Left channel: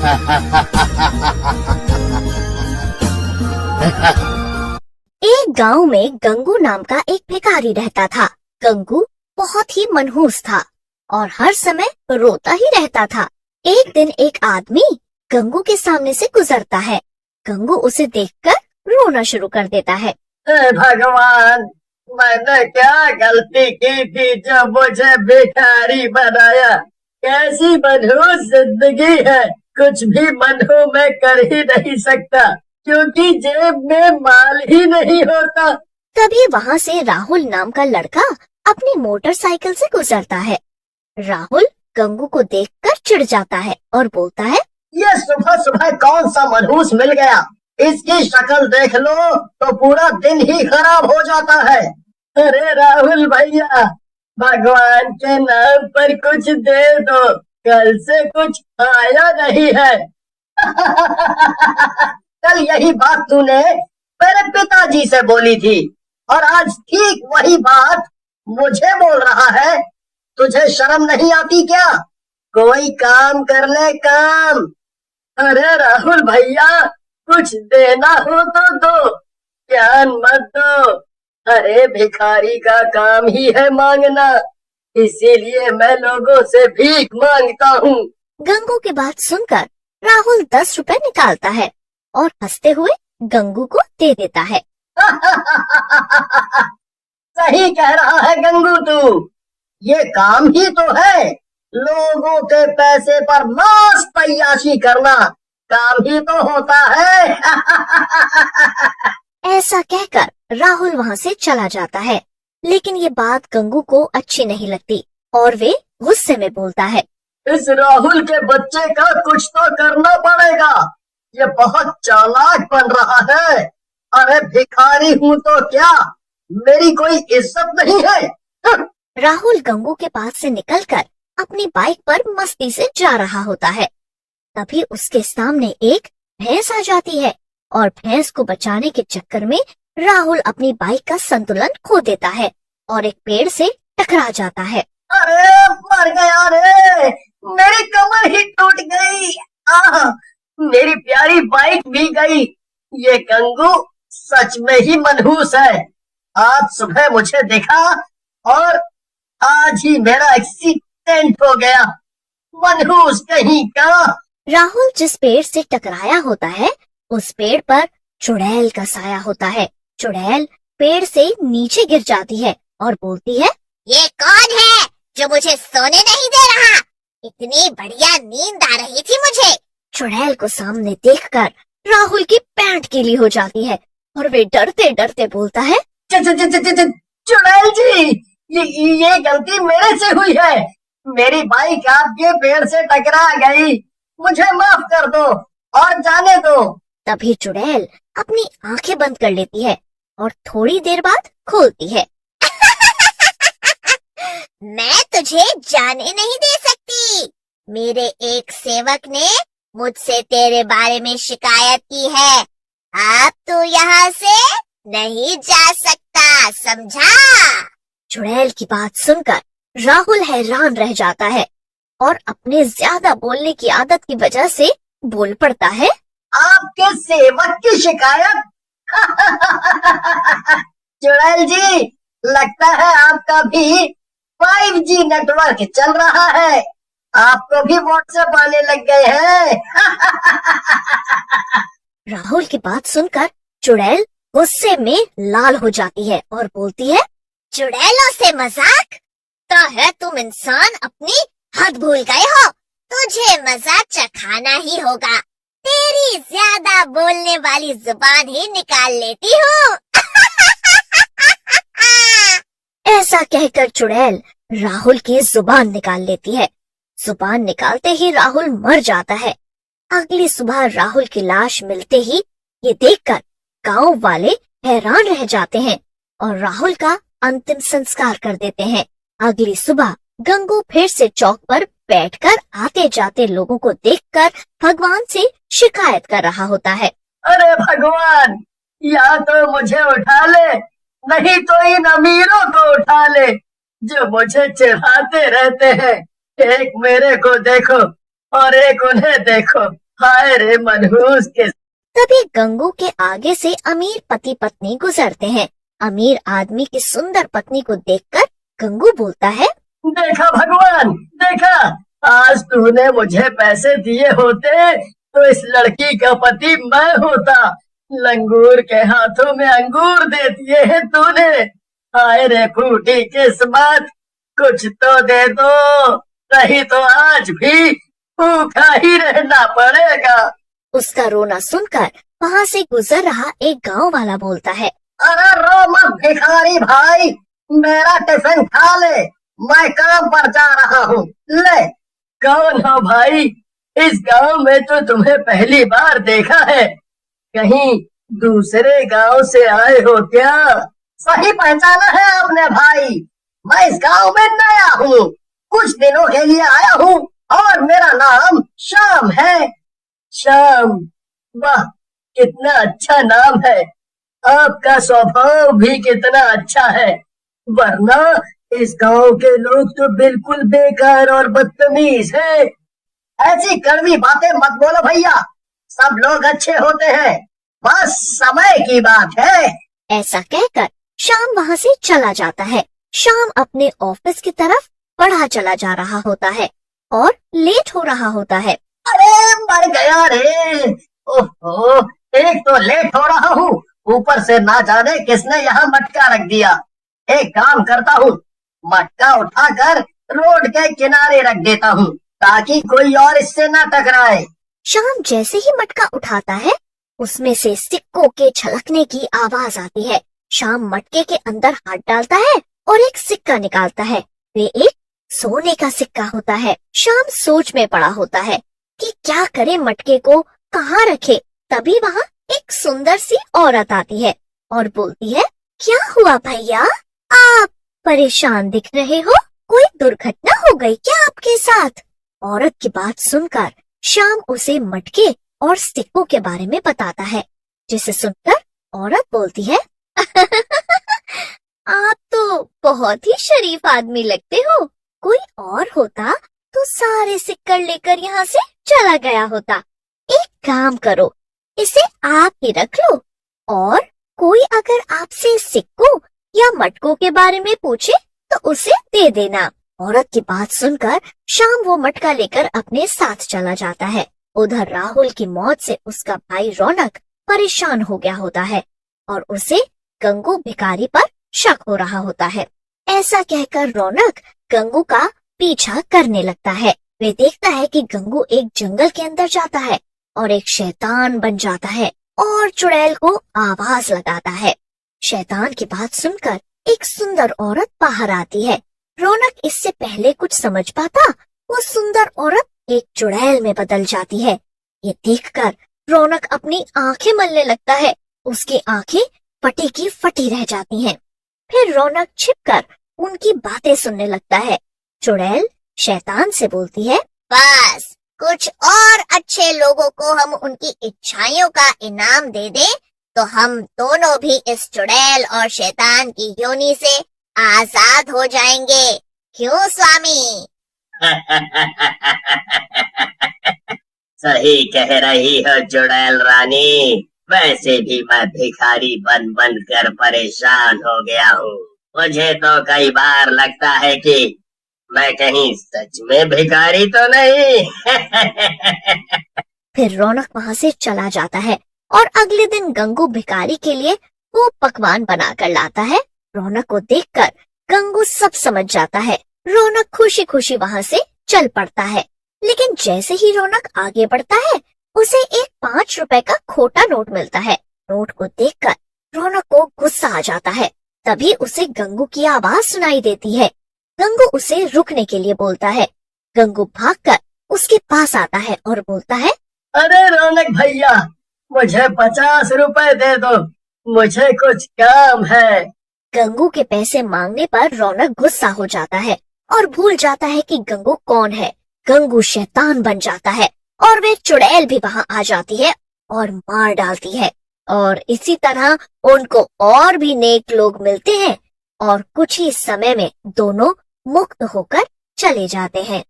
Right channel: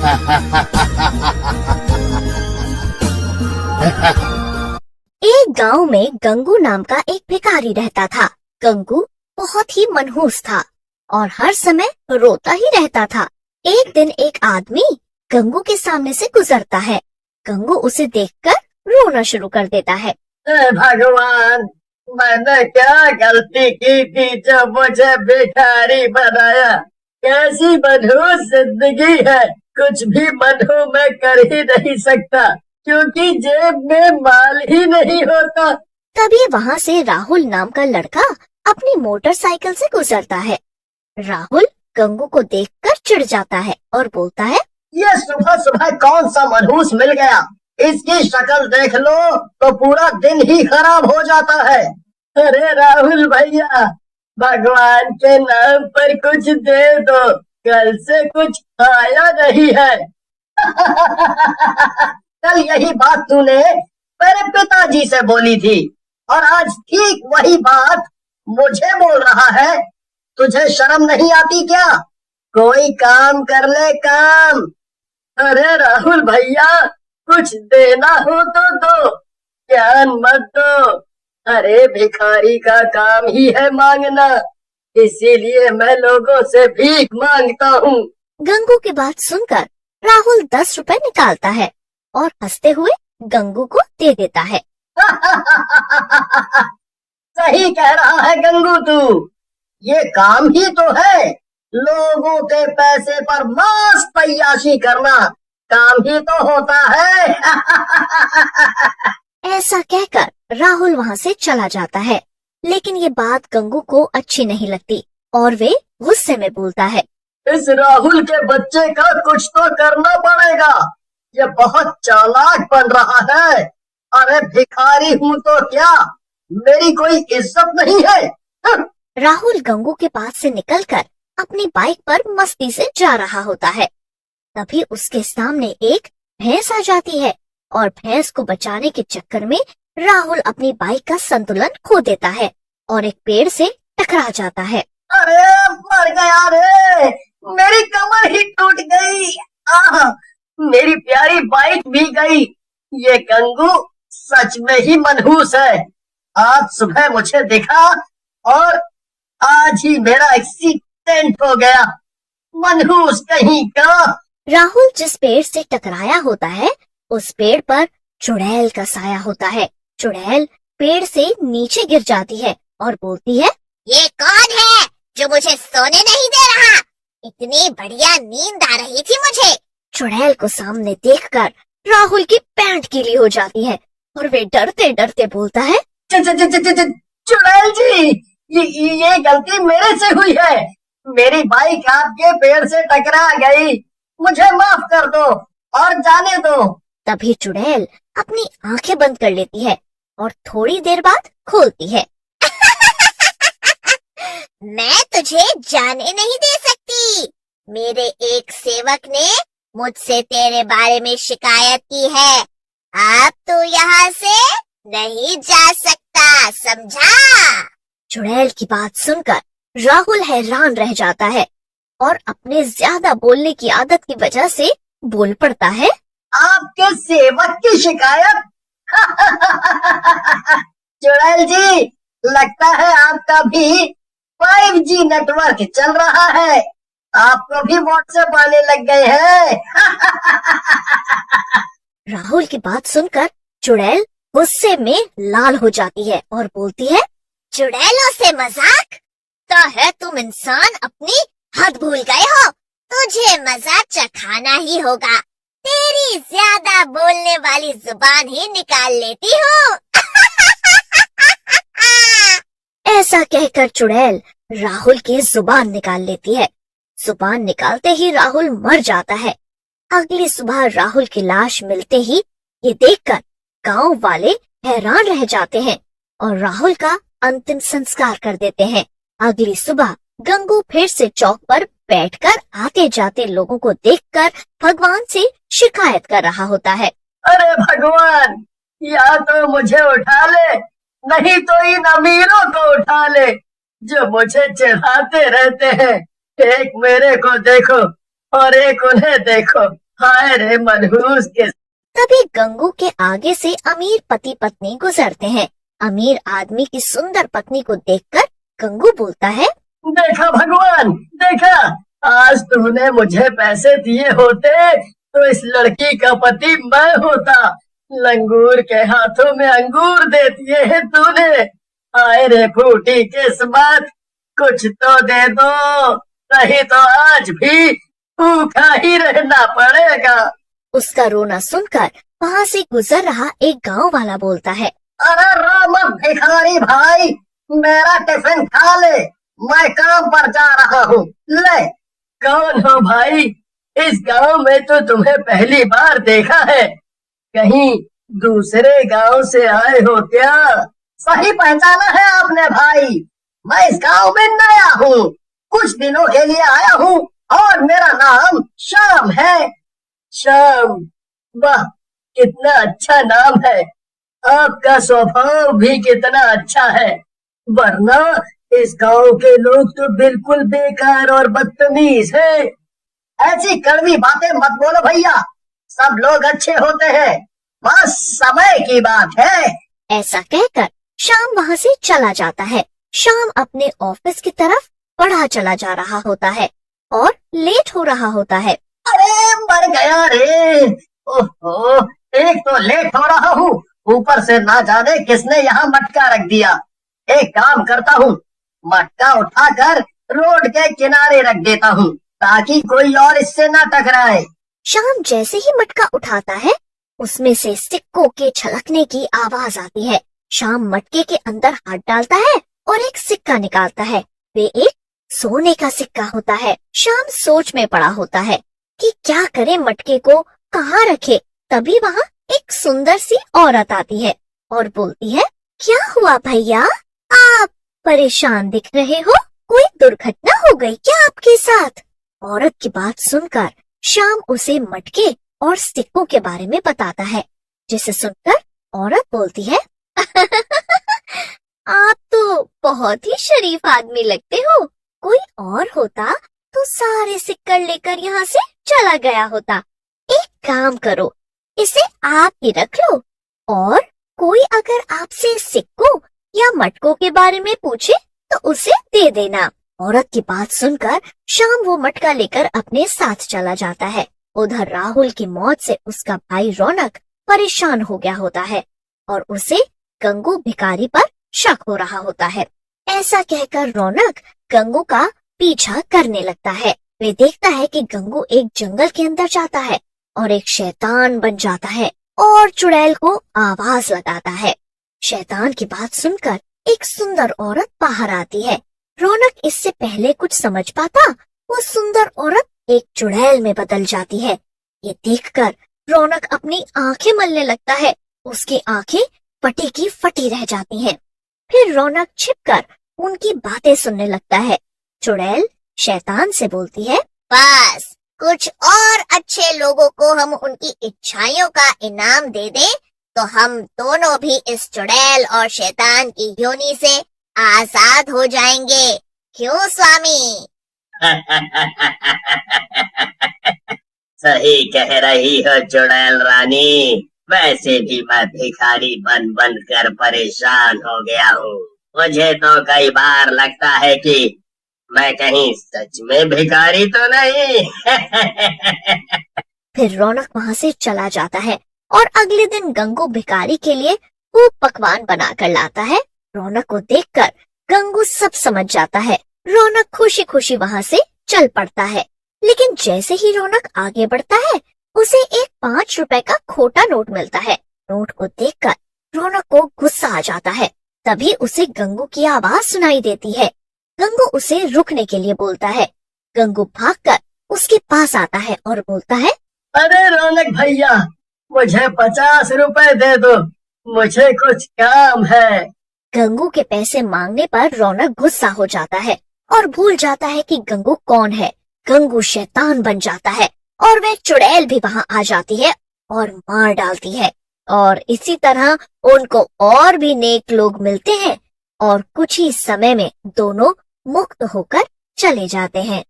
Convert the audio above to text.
एक गांव में गंगू नाम का एक भिखारी रहता था। गंगू बहुत ही मनहूस था और हर समय रोता ही रहता था। एक दिन एक आदमी गंगू के सामने से गुजरता है। गंगू उसे देखकर रोना शुरू कर देता है। हे भगवान, मैंने क्या गलती की थी जब मुझे भिखारी बनाया। कैसी मनहूस जिंदगी है, कुछ भी मनहू मैं कर ही नहीं सकता क्योंकि जेब में माल ही नहीं होता। तभी वहाँ से राहुल नाम का लड़का अपनी मोटरसाइकिल से गुजरता है। राहुल गंगू को देखकर चिढ़ जाता है और बोलता है, ये सुबह सुबह कौन सा मनहूस मिल गया। इसकी शक्ल देख लो तो पूरा दिन ही खराब हो जाता है। अरे राहुल भैया, भगवान के नाम पर कुछ दे दो, कल से कुछ आया नहीं है। कल यही बात तूने मेरे पिताजी से बोली थी और आज ठीक वही बात मुझे बोल रहा है। तुझे शर्म नहीं आती क्या? कोई काम कर ले, काम। अरे राहुल भैया, कुछ देना हो तो दो, ज्ञान मत दो। अरे भिखारी का काम ही है मांगना, इसीलिए मैं लोगों से भीख मांगता हूँ। गंगू की बात सुनकर राहुल 10 रुपए निकालता है और हंसते हुए गंगू को दे देता है। सही कह रहा है गंगू तू, ये काम ही तो है। लोगों के पैसे पर मस्त अय्याशी करना काम ही तो होता है। ऐसा कहकर राहुल वहाँ से चला जाता है। लेकिन ये बात गंगू को अच्छी नहीं लगती और वे गुस्से में बोलता है, इस राहुल के बच्चे का कुछ तो करना पड़ेगा। ये बहुत चालाक बन रहा है। अरे भिखारी हूँ तो क्या, मेरी कोई इज्जत नहीं है। राहुल गंगू के पास से निकलकर अपनी बाइक पर मस्ती से जा रहा होता है। तभी उसके सामने एक भैंस आ जाती है और भैंस को बचाने के चक्कर में राहुल अपनी बाइक का संतुलन खो देता है और एक पेड़ से टकरा जाता है। अरे मर गया रे, मेरी कमर ही टूट गई। मेरी प्यारी बाइक भी गई। ये गंगू सच में ही मनहूस है। आज सुबह मुझे देखा और आज ही मेरा एक्सीडेंट हो गया। मनहूस कहीं का। राहुल जिस पेड़ से टकराया होता है उस पेड़ पर चुड़ैल का साया होता है। चुड़ैल पेड़ से नीचे गिर जाती है और बोलती है, ये कौन है जो मुझे सोने नहीं दे रहा? इतनी बढ़िया नींद आ रही थी मुझे। चुड़ैल को सामने देखकर राहुल की पैंट गीली हो जाती है और वे डरते डरते बोलता है, चुड़ैल जी, ये गलती मेरे से हुई है। मेरी बाइक आपके पेड़ से टकरा गई, मुझे माफ कर दो और जाने दो। तभी चुड़ैल अपनी आंखें बंद कर लेती है और थोड़ी देर बाद खोलती है। मैं तुझे जाने नहीं दे सकती। मेरे एक सेवक ने मुझसे तेरे बारे में शिकायत की है। अब तू यहाँ से नहीं जा सकता, समझा? चुड़ैल की बात सुनकर राहुल हैरान रह जाता है और अपने ज्यादा बोलने की आदत की वजह से बोल पड़ता है, आपके सेवक की शिकायत? चुड़ैल जी, लगता है आपका भी 5G नेटवर्क चल रहा है। आपको भी व्हाट्सएप आने लग गए हैं। राहुल की बात सुनकर चुड़ैल गुस्से में लाल हो जाती है और बोलती है, चुड़ैलों से मजाक? तो है तुम इंसान अपनी हद भूल गए हो। तुझे मजाक चखाना ही होगा। तेरी ज्यादा बोलने वाली जुबान ही निकाल लेती हूँ। ऐसा कहकर चुड़ैल राहुल की जुबान निकाल लेती है। जुबान निकालते ही राहुल मर जाता है। अगली सुबह राहुल की लाश मिलते ही ये देखकर गांव वाले हैरान रह जाते हैं और राहुल का अंतिम संस्कार कर देते हैं। अगली सुबह गंगू फिर से चौक पर बैठकर आते जाते लोगों को देखकर भगवान से शिकायत कर रहा होता है, अरे भगवान, या तो मुझे उठा ले, नहीं तो इन अमीरों को उठा ले जो मुझे चिढ़ाते रहते हैं। एक मेरे को देखो और एक उन्हें देखो, हाय रे मनहूस के। तभी गंगू के आगे से अमीर पति पत्नी गुजरते हैं। अमीर आदमी की सुंदर पत्नी को देखकर गंगू बोलता है, देखा भगवान, देखा, आज तूने मुझे पैसे दिए होते तो इस लड़की का पति मैं होता। लंगूर के हाथों में अंगूर दे दिए है तूने। हाय रे फूटी किस्मत, कुछ तो दे दो, नहीं तो आज भी भूखा ही रहना पड़ेगा। उसका रोना सुनकर वहाँ से गुजर रहा एक गांव वाला बोलता है, अरे रो मत भिखारी भाई, मेरा टिफिन खा ले, मैं काम पर जा रहा हूँ। ले। कौन हो भाई? इस गांव में तो तुम्हें पहली बार देखा है, कहीं दूसरे गांव से आए हो क्या? सही पहचाना है आपने भाई, मैं इस गांव में नया हूँ, कुछ दिनों के लिए आया हूँ और मेरा नाम श्याम है। श्याम, वाह कितना अच्छा नाम है, आपका स्वभाव भी कितना अच्छा है, वरना इस गांव के लोग तो बिल्कुल बेकार और बदतमीज है। ऐसी कड़वी बातें मत बोलो भैया, सब लोग अच्छे होते हैं, बस समय की बात है। ऐसा कहकर श्याम वहाँ से चला जाता है। श्याम अपने ऑफिस की तरफ बढ़ा चला जा रहा होता है और लेट हो रहा होता है। अरे मर गया रे, ओहो, एक तो लेट हो रहा हूँ, ऊपर से ना जाने किसने यहाँ मटका रख दिया। एक काम करता हूँ, मटका उठाकर रोड के किनारे रख देता हूँ ताकि कोई और इससे ना टकराए। श्याम जैसे ही मटका उठाता है, उसमें से सिक्कों के छलकने की आवाज आती है। श्याम मटके के अंदर हाथ डालता है और एक सिक्का निकालता है। वे एक सोने का सिक्का होता है। श्याम सोच में पड़ा होता है कि क्या करे, मटके को कहाँ रखे। तभी वहाँ एक सुंदर सी औरत आती है और बोलती है, क्या हुआ भैया, आप परेशान दिख रहे हो, कोई दुर्घटना हो गई क्या आपके साथ? औरत की बात सुनकर श्याम उसे मटके और सिक्कों के बारे में बताता है, जिसे सुनकर औरत बोलती है, आप तो बहुत ही शरीफ आदमी लगते हो, कोई और होता तो सारे सिक्कर लेकर यहाँ से चला गया होता। एक काम करो, इसे आप ही रख लो और कोई अगर आपसे सिक्कों या मटकों के बारे में पूछे तो उसे दे देना। औरत की बात सुनकर श्याम वो मटका लेकर अपने साथ चला जाता है। उधर राहुल की मौत से उसका भाई रौनक परेशान हो गया होता है और उसे गंगू भिखारी पर शक हो रहा होता है। ऐसा कहकर रौनक गंगू का पीछा करने लगता है। वे देखता है कि गंगू एक जंगल के अंदर जाता है और एक शैतान बन जाता है और चुड़ैल को आवाज लगाता है। शैतान की बात सुनकर एक सुंदर औरत बाहर आती है। रौनक इससे पहले कुछ समझ पाता, वो सुंदर औरत एक चुड़ैल में बदल जाती है। ये देखकर रौनक अपनी आंखें मलने लगता है। उसकी आंखें फटी की फटी रह जाती हैं। फिर रौनक छिपकर उनकी बातें सुनने लगता है। चुड़ैल शैतान से बोलती है, बस कुछ और अच्छे लोगों को हम उनकी इच्छाओं का इनाम दे दे तो हम दोनों भी इस चुड़ैल और शैतान की योनि से आजाद हो जाएंगे। क्यों स्वामी? सही कह रही हो चुड़ैल रानी, वैसे भी मैं भिखारी बन बन कर परेशान हो गया हूँ। मुझे तो कई बार लगता है कि मैं कहीं सच में भिखारी तो नहीं। फिर रौनक वहाँ से चला जाता है और अगले दिन गंगू भिखारी के लिए वो पकवान बनाकर लाता है। रौनक को देखकर गंगू सब समझ जाता है। रौनक खुशी खुशी वहाँ से चल पड़ता है। लेकिन जैसे ही रौनक आगे बढ़ता है, उसे एक 5 रुपए का खोटा नोट मिलता है। नोट को देखकर रौनक को गुस्सा आ जाता है। तभी उसे गंगू की आवाज सुनाई देती है। गंगू उसे रुकने के लिए बोलता है। गंगू भागकर उसके पास आता है और बोलता है, अरे रौनक भैया, मुझे 50 रुपए दे दो, मुझे कुछ काम है। गंगू के पैसे मांगने पर रौनक गुस्सा हो जाता है और भूल जाता है कि गंगू कौन है। गंगू शैतान बन जाता है और वे चुड़ैल भी वहाँ आ जाती है और मार डालती है। और इसी तरह उनको और भी नेक लोग मिलते हैं और कुछ ही समय में दोनों मुक्त होकर चले जाते हैं।